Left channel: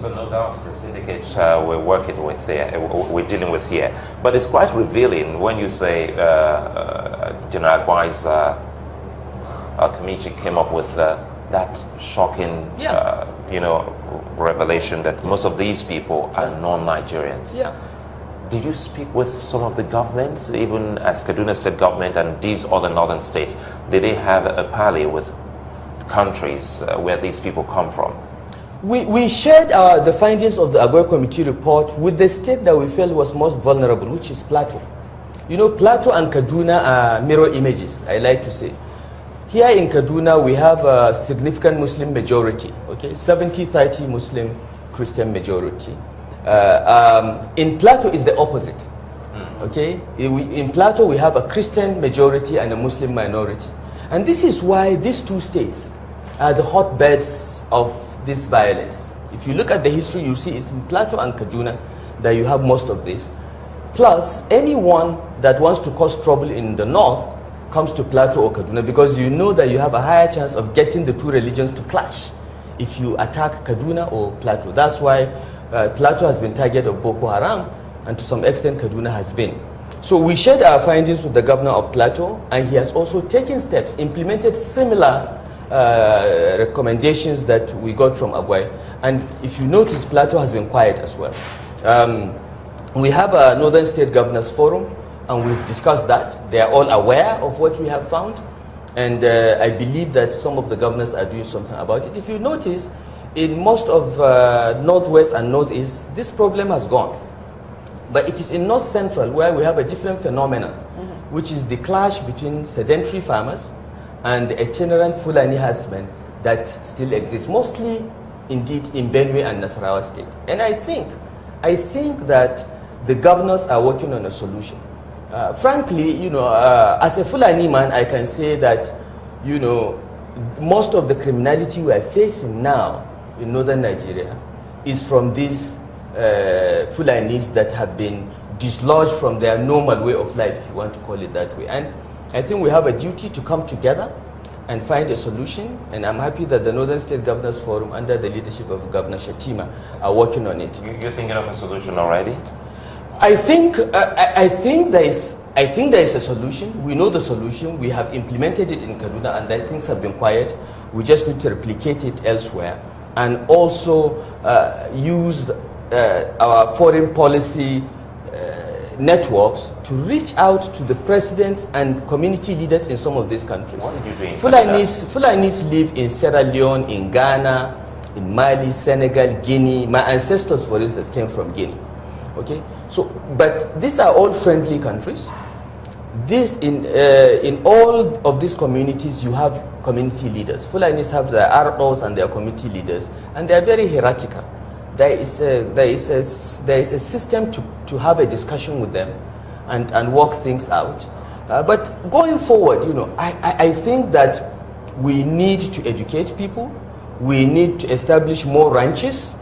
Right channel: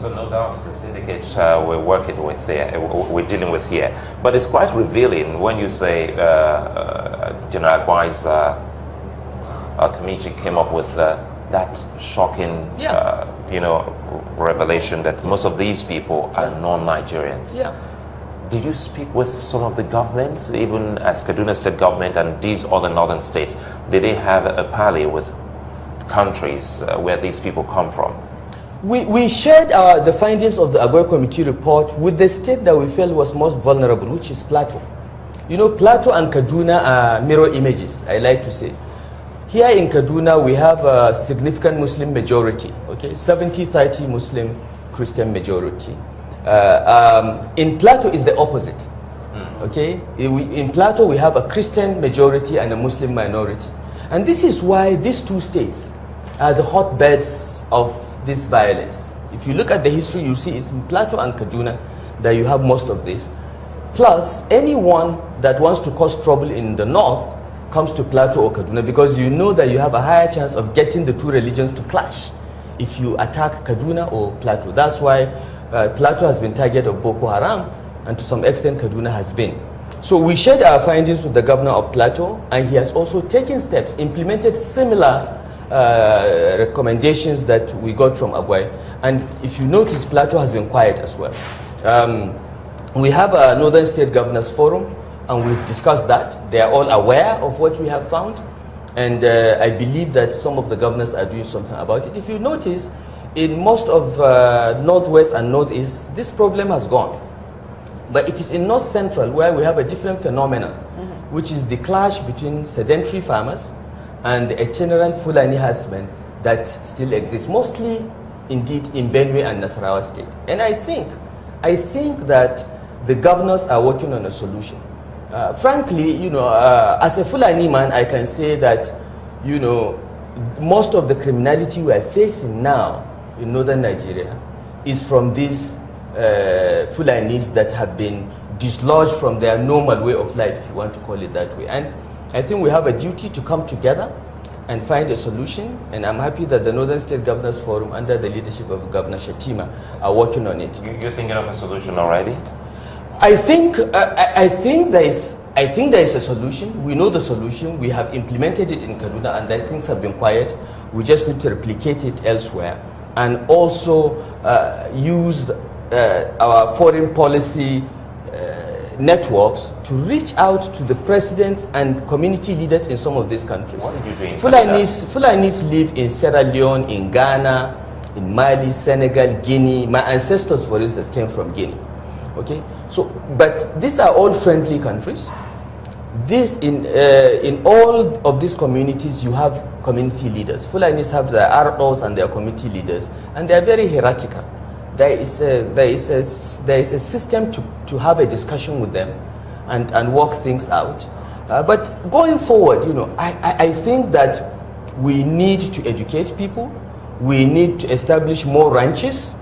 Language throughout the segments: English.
So no doubt it's a syndicate we're working with here, we're dealing with here. But it's quite revealing when you say General Agwai's committee came up with that shocking, revelation that most of these people are non-Nigerians. Yeah. Did you speak with some of the governments, even as Kaduna State government and these other northern states? Did they have a parley with countries where these people come from? We shared the findings of the Agwai Committee report with the state that we felt was most vulnerable, which is Plateau. You know, Plateau and Kaduna are mirror images, I like to say. Here in Kaduna, we have a significant Muslim majority, okay, 70-30 Muslim Christian majority. In Plateau is the opposite, okay? In Plateau, we have a Christian majority and a Muslim minority. And this is why these two states are the hotbeds of this violence. If you look at the history, you see it's in Plateau and Kaduna that you have most of this. Plus, anyone that wants to cause trouble in the north comes to Plateau or Kaduna because you know that you have a higher chance of getting the two religions to clash if you attack Kaduna or Plateau. That's why Plateau has been target of Boko Haram, and to some extent Kaduna has been. So we shared our findings with the governor of Plateau, and he has also taken steps, implemented similar recommendations that we got from Agwai. And if you notice, Plateau has been quiet as well. We have a Northern State Governors Forum, and we've discussed that. They are all aware of what we have found, and I believe that some of the governors are doing something about it. If you notice, in most of Northwest and Northeast, this problem has gone. But it is in North Central where we have a different phenomenon, which is the clash between sedentary farmers and the itinerant Fulani herdsmen that still exists, mostly indeed in Benue and Nasarawa State. And I think that the governors are working on a solution. Frankly, as a Fulani man, I can say that, most of the criminality we are facing now in northern Nigeria is from these Fulanis that have been dislodged from their normal way of life, if you want to call it that way. And I think we have a duty to come together and find a solution, and I'm happy that the Northern State Governors Forum, under the leadership of Governor Shatima, are working on it. You're thinking of a solution already? I think there is a solution. We know the solution. We have implemented it in Kaduna, and things have been quiet. We just need to replicate it elsewhere, and also use our foreign policy networks to reach out to the presidents and community leaders in some of these countries. What are you doing? Fulanis live in Sierra Leone, in Ghana, in Mali, Senegal, Guinea. My ancestors, for instance, came from Guinea. Okay, so but these are all friendly countries. In all of these communities, you have community leaders. Fulanis have their ROs and their community leaders, and they are very hierarchical. There is a system to have a discussion with them and work things out. But going forward, I think that we need to educate people. We need to establish more ranches.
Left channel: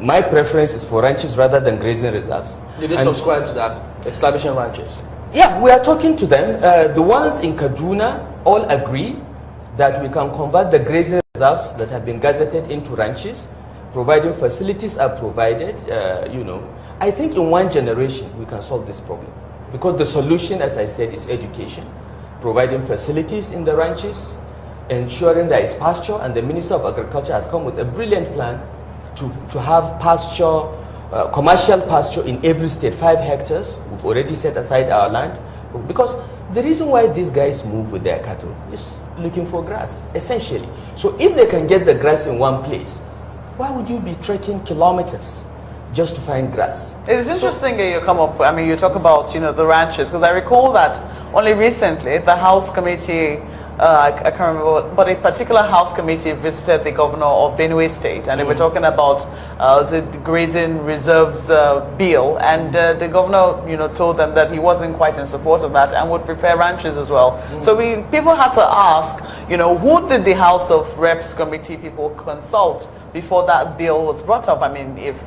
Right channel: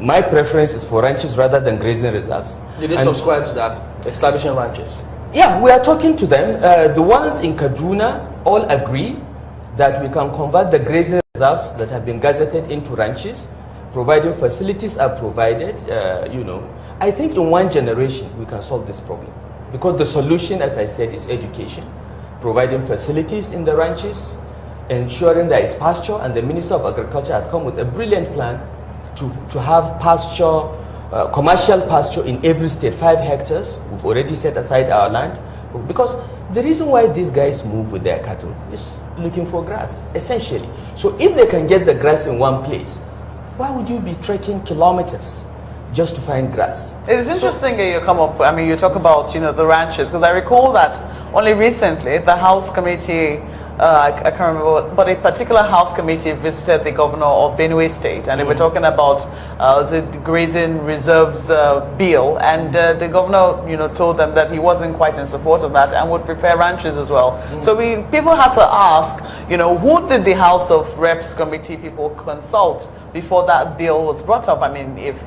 My preference is for ranches rather than grazing reserves. Did they subscribe to that, establishing ranches? Yeah, we are talking to them. The ones in Kaduna all agree that we can convert the grazing reserves that have been gazetted into ranches, providing facilities are provided. I think in one generation we can solve this problem, because the solution, as I said, is education, providing facilities in the ranches, ensuring there is pasture, and the Minister of Agriculture has come with a brilliant plan to have pasture, commercial pasture in every state, 5 hectares. We've already set aside our land, because the reason why these guys move with their cattle is looking for grass, essentially. So if they can get the grass in one place, why would you be trekking kilometers just to find grass? It is interesting that you come up, you talk about, the ranches, because I recall that only recently the House Committee, I can't remember, but a particular House Committee visited the governor of Benue State, and they were talking about the grazing reserves bill, and the governor, told them that he wasn't quite in support of that and would prefer ranches as well. So people had to ask, who did the House of Reps Committee people consult before that bill was brought up? If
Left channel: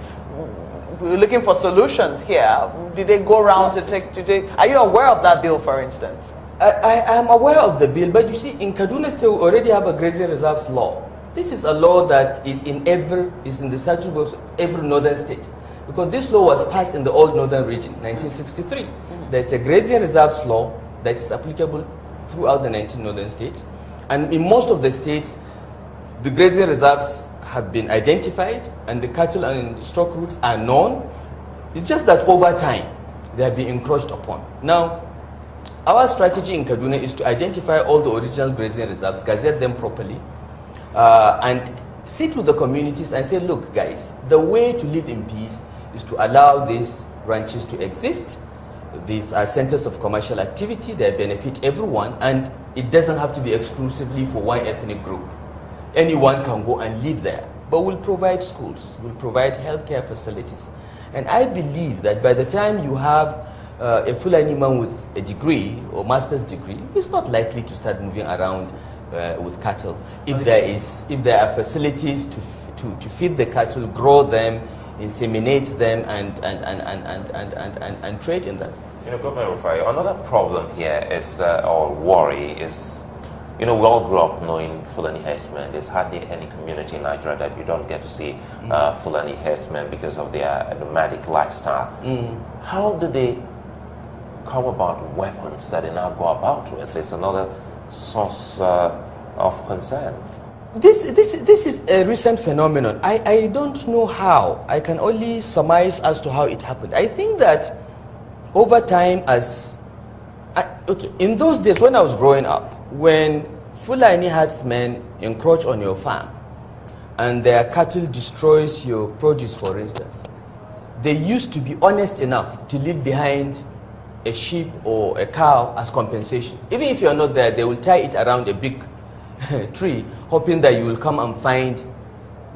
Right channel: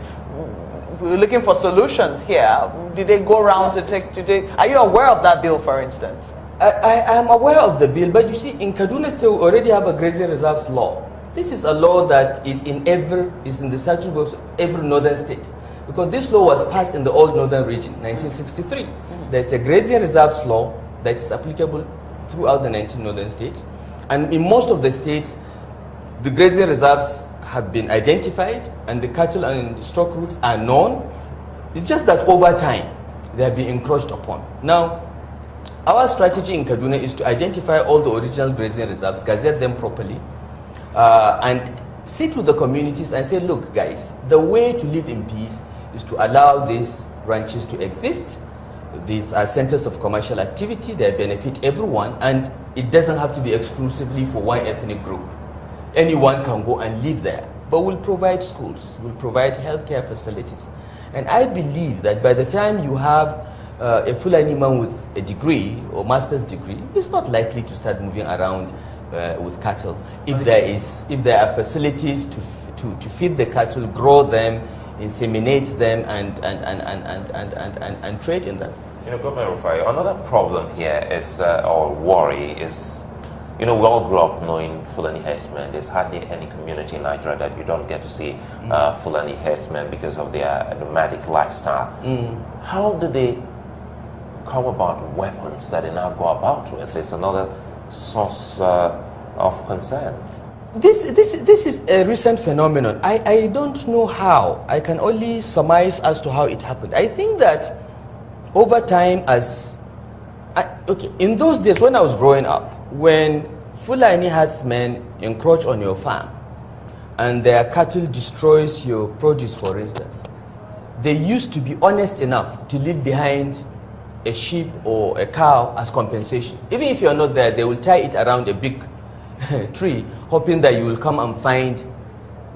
we're looking for solutions here, did they go around are you aware of that bill, for instance? I am aware of the bill, but you see, in Kaduna State, we already have a grazing reserves law. This is a law that is in the statute books of every northern state. Because this law was passed in the old northern region, 1963. There's a grazing reserves law that is applicable throughout the 19 northern states. And in most of the states, the grazing reserves have been identified and the cattle and stock routes are known. It's just that over time, they have been encroached upon. Now, our strategy in Kaduna is to identify all the original grazing reserves, gazette them properly, and sit with the communities and say, look, guys, the way to live in peace is to allow these ranches to exist. These are centers of commercial activity that benefit everyone, and it doesn't have to be exclusively for one ethnic group. Anyone can go and live there, but we'll provide schools, we'll provide healthcare facilities. And I believe that by the time you have a Fulani man with a degree or master's degree, he's not likely to start moving around with cattle. If there are facilities to feed the cattle, grow them, inseminate them, and trade in them. Governor Rufai, another problem here is, or worry is, we all grew up knowing Fulani herdsmen. There's hardly any community in Nigeria that you don't get to see Fulani herdsmen because of their nomadic lifestyle. How do they come about weapons that they now go about with? It's another source of concern. This is a recent phenomenon. I don't know how. I can only surmise as to how it happened. I think that over time, in those days when I was growing up, when Fulani herdsmen encroach on your farm and their cattle destroys your produce, for instance, they used to be honest enough to leave behind a sheep or a cow as compensation. Even if you're not there, they will tie it around a big tree, hoping that you will come and find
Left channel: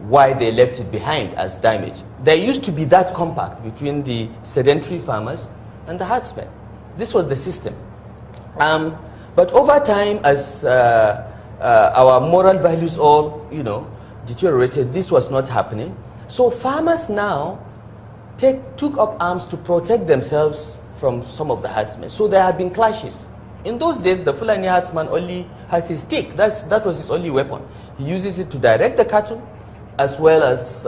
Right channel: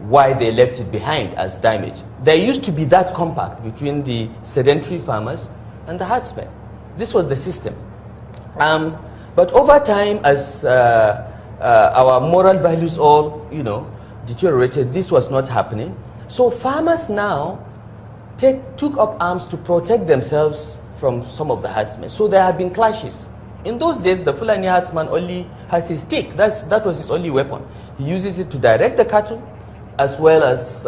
why they left it behind as damage. There used to be that compact between the sedentary farmers and the herdsmen. This was the system. But over time, as our moral values all, deteriorated, this was not happening. So farmers now took up arms to protect themselves from some of the herdsmen. So there have been clashes. In those days, the Fulani herdsman only has his stick. That was his only weapon. He uses it to direct the cattle as well as,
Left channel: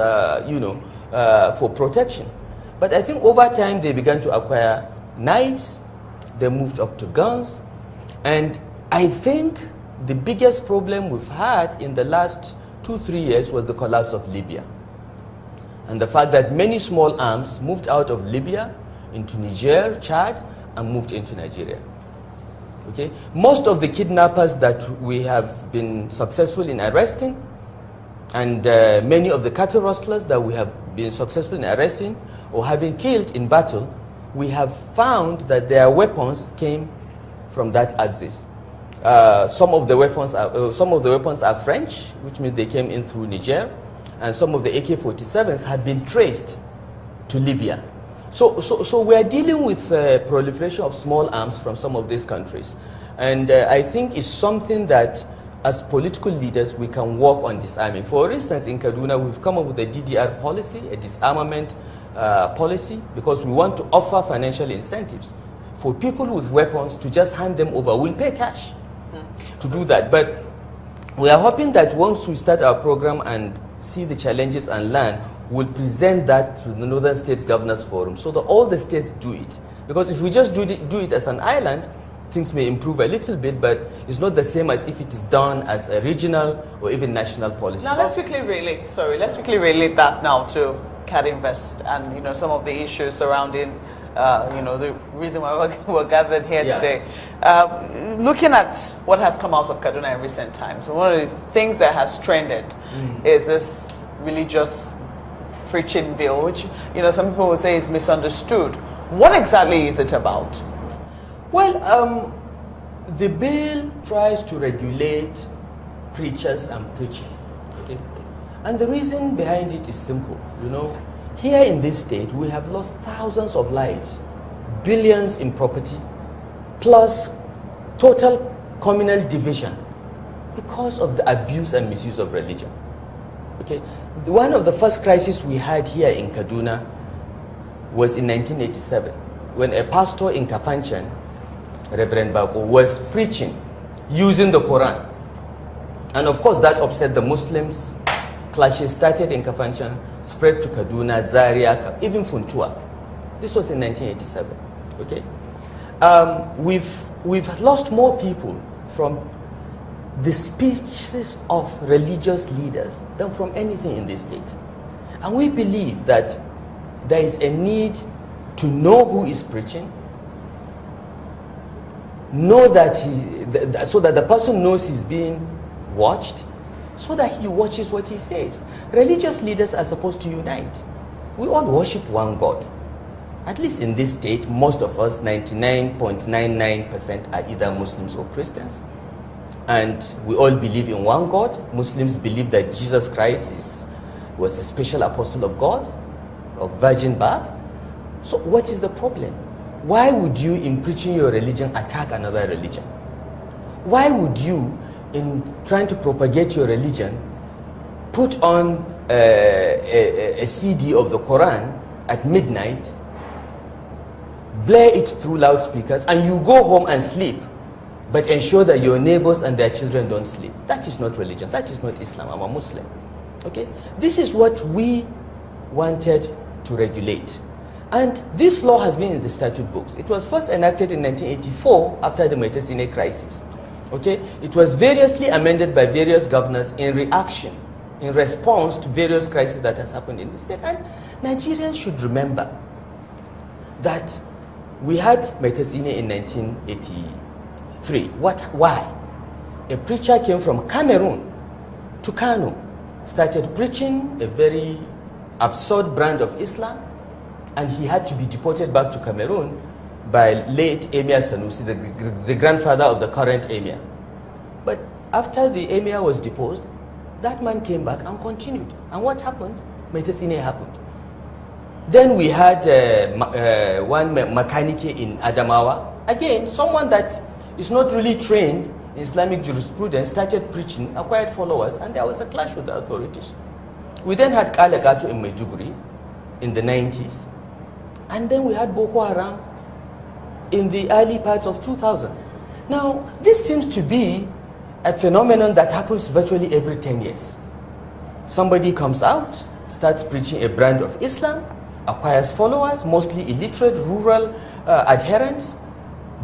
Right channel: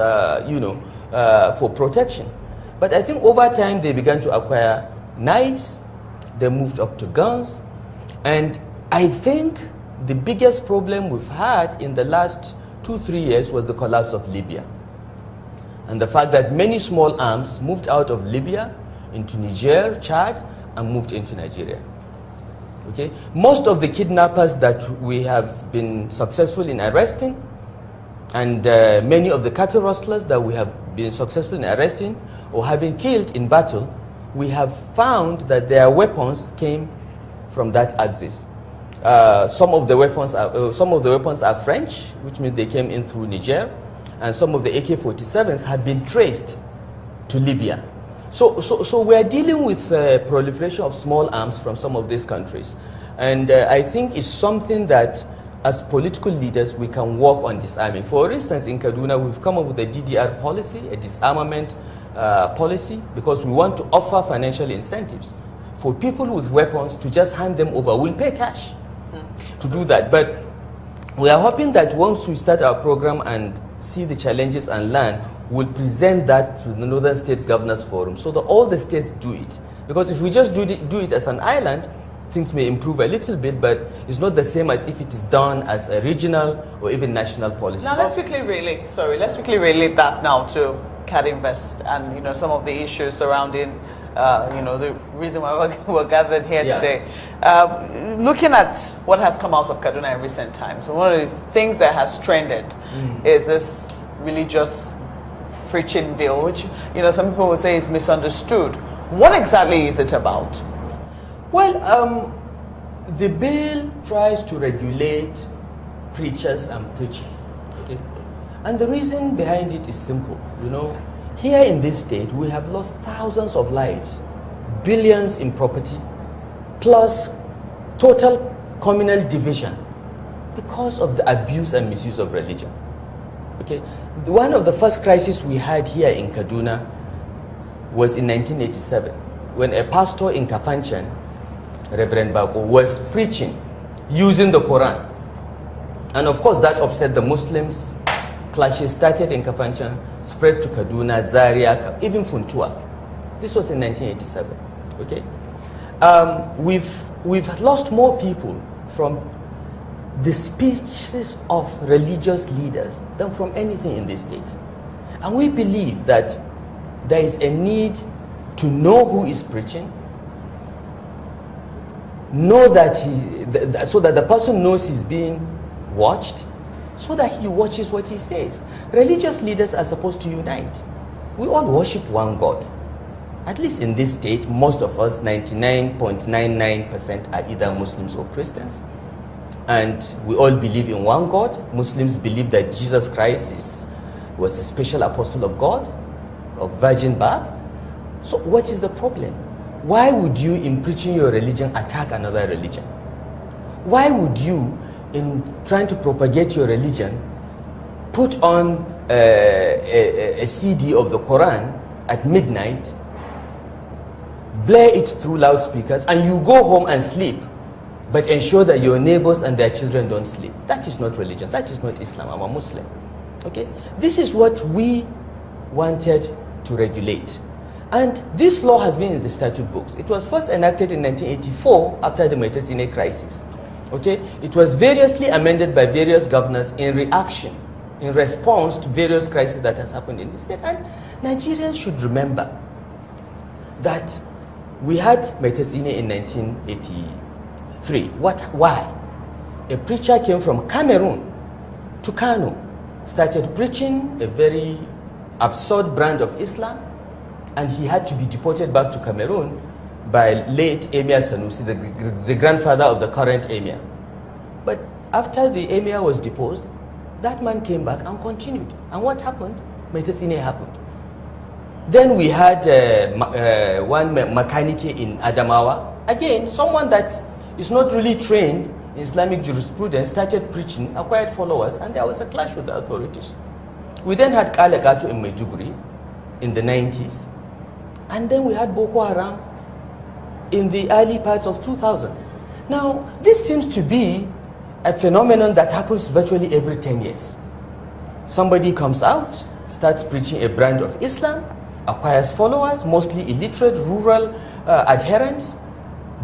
for protection. But I think over time, they began to acquire knives. They moved up to guns. And I think the biggest problem we've had in the last 2-3 years was the collapse of Libya. And the fact that many small arms moved out of Libya into Niger, Chad, and moved into Nigeria. Okay? Most of the kidnappers that we have been successful in arresting, and many of the cattle rustlers that we have been successful in arresting or having killed in battle, we have found that their weapons came from that axis. Some of the weapons are French, which means they came in through Niger, and some of the AK-47s have been traced to Libya. So we are dealing with proliferation of small arms from some of these countries, and I think it's something that, as political leaders, we can work on disarming. For instance, in Kaduna, we've come up with a DDR policy, a disarmament policy, because we want to offer financial incentives for people with weapons to just hand them over. We'll pay cash to do that. But we are hoping that once we start our program and see the challenges and learn, we'll present that to the Northern States Governors Forum so that all the states do it. Because if we just do it as an island, things may improve a little bit, but it's not the same as if it is done as a regional or even national policy. Now let's quickly relate that now to CADInvest and some of the issues surrounding the reason why we're gathered here today. Looking at what has come out of Kaduna in recent times, one of the things that has trended is this religious preaching bill, which some people would say is misunderstood. What exactly is it about? Well, the bill tries to regulate preachers and preaching. Okay? And the reason behind it is simple. Here in this state, we have lost thousands of lives, billions in property, plus total communal division because of the abuse and misuse of religion. Okay? One of the first crises we had here in Kaduna was in 1987, when a pastor in Kafanchan, Reverend Bako, was preaching using the Quran. And of course, that upset the Muslims. Clashes started in Kafanchan, spread to Kaduna, Zaria, even Funtua. This was in 1987. Okay, we've lost more people from the speeches of religious leaders than from anything in this state. And we believe that there is a need to know who is preaching, know that so that the person knows he's being watched, so that he watches what he says. Religious leaders are supposed to unite. We all worship one God. At least in this state, most of us, 99.99%, are either Muslims or Christians. And we all believe in one God. Muslims believe that Jesus Christ was a special apostle of God, of virgin birth. So what is the problem? Why would you, in preaching your religion, attack another religion? Why would you, in trying to propagate your religion, put on a CD of the Quran at midnight, blare it through loudspeakers, and you go home and sleep, but ensure that your neighbors and their children don't sleep? That is not religion. That is not Islam. I'm a Muslim. Okay? This is what we wanted to regulate. And this law has been in the statute books. It was first enacted in 1984 after the Metasine crisis. Okay? It was variously amended by various governors in reaction, in response to various crises that has happened in the state. And Nigerians should remember that we had Metasine in 1983. Why? A preacher came from Cameroon to Kano, started preaching a very absurd brand of Islam, and he had to be deported back to Cameroon by late Emir Sanusi, the grandfather of the current Emir. But after the Emir was deposed, that man came back and continued. And what happened? Metasine happened. Then we had one mechanic in Adamawa. Again, someone that is not really trained in Islamic jurisprudence started preaching, acquired followers, and there was a clash with the authorities. We then had Kalekato in Maiduguri in the 90s. And then we had Boko Haram in the early parts of 2000. Now, this seems to be a phenomenon that happens virtually every 10 years. Somebody comes out, starts preaching a brand of Islam, acquires followers, mostly illiterate, rural adherents.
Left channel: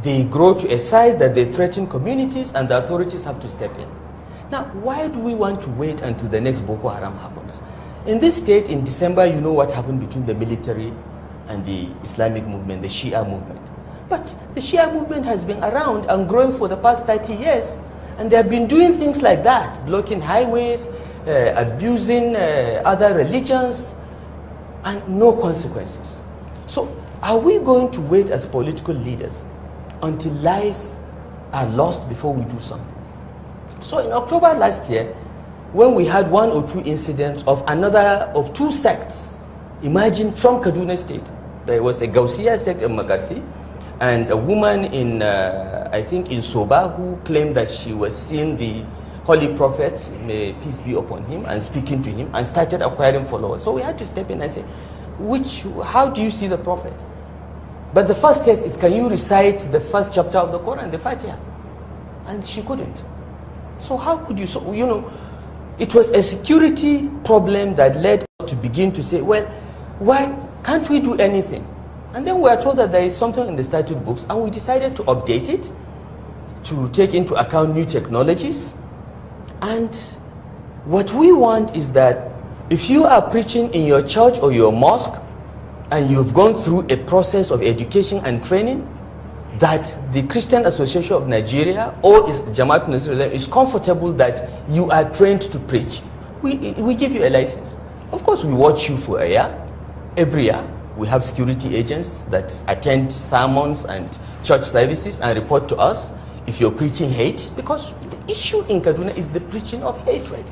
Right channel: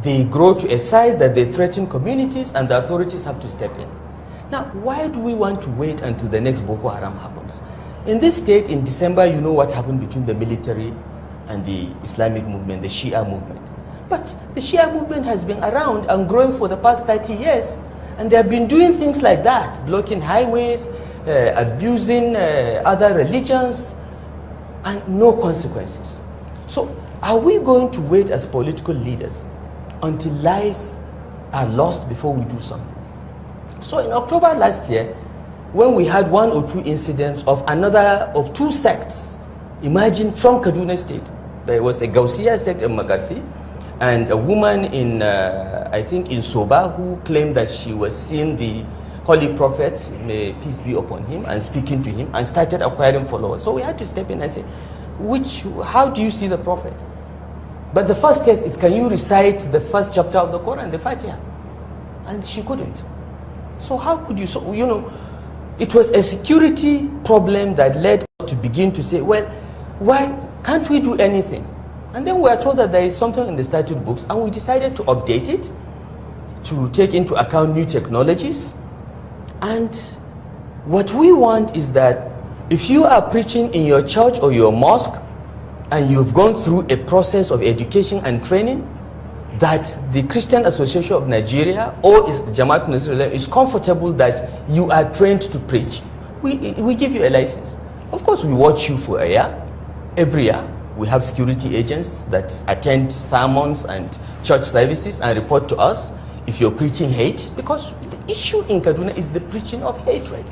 They grow to a size that they threaten communities, and the authorities have to step in. Now, why do we want to wait until the next Boko Haram happens? In this state, in December, you know what happened between the military and the Islamic movement, the Shia movement. But the Shia movement has been around and growing for the past 30 years. And they have been doing things like that, blocking highways, abusing other religions, and no consequences. So are we going to wait as political leaders until lives are lost before we do something? So in October last year, when we had one or two incidents of two sects emerging from Kaduna State, there was a Gaussiya sect in Magarfi, and a woman in, I think in Soba, who claimed that she was seeing the Holy Prophet, may peace be upon him, and speaking to him, and started acquiring followers. So we had to step in and say, how do you see the Prophet? But the first test is, can you recite the first chapter of the Quran, the Fatiha? And she couldn't. So how could you, it was a security problem that led us to begin to say, well, why can't we do anything? And then we are told that there is something in the statute books, and we decided to update it, to take into account new technologies. And what we want is that if you are preaching in your church or your mosque, and you've gone through a process of education and training, that the Christian Association of Nigeria or Jamaat Nasrullah is comfortable that you are trained to preach. We give you a license. Of course, we watch you for a year. Every year, we have security agents that attend sermons and church services and report to us if you're preaching hate, because the issue in Kaduna is the preaching of hatred.